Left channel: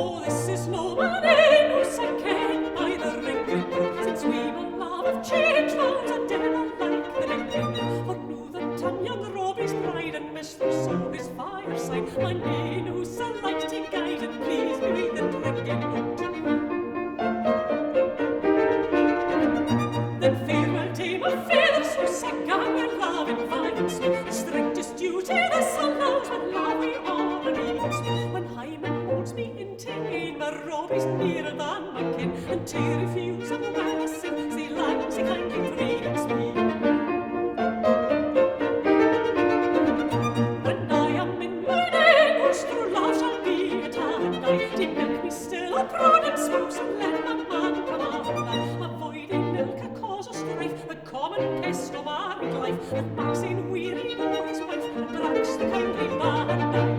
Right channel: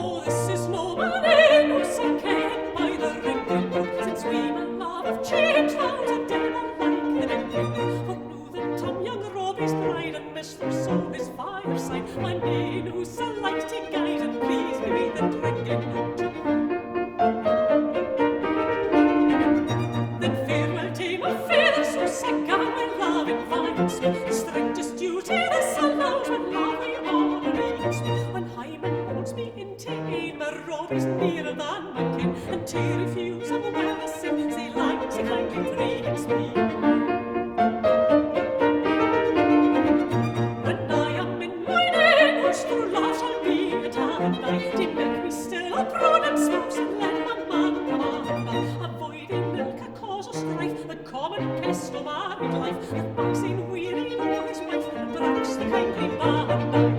Oh, this is no man who's a king by the ring book, since we my love have changed vows a devil like the ring. For now that I'm young Robbie's bride and mistress of his fireside, my main who's a like to guide and please me with the drinking note. Then farewell to my fathers who sang our love in violence, the strictest duty this allows when love we all reads. When Hyman holds me into aid, my Robbie's nearer than my kin, and to refuse him well as since he likes he kindly treats me. When I am in my neighbours, true love shall be a tandai, to make me still a prudent spouse and let my man command. Avoiding milk a cause of strife, the common pest of married life, that Maxine weary o'er his wife, and breaks the kindly band.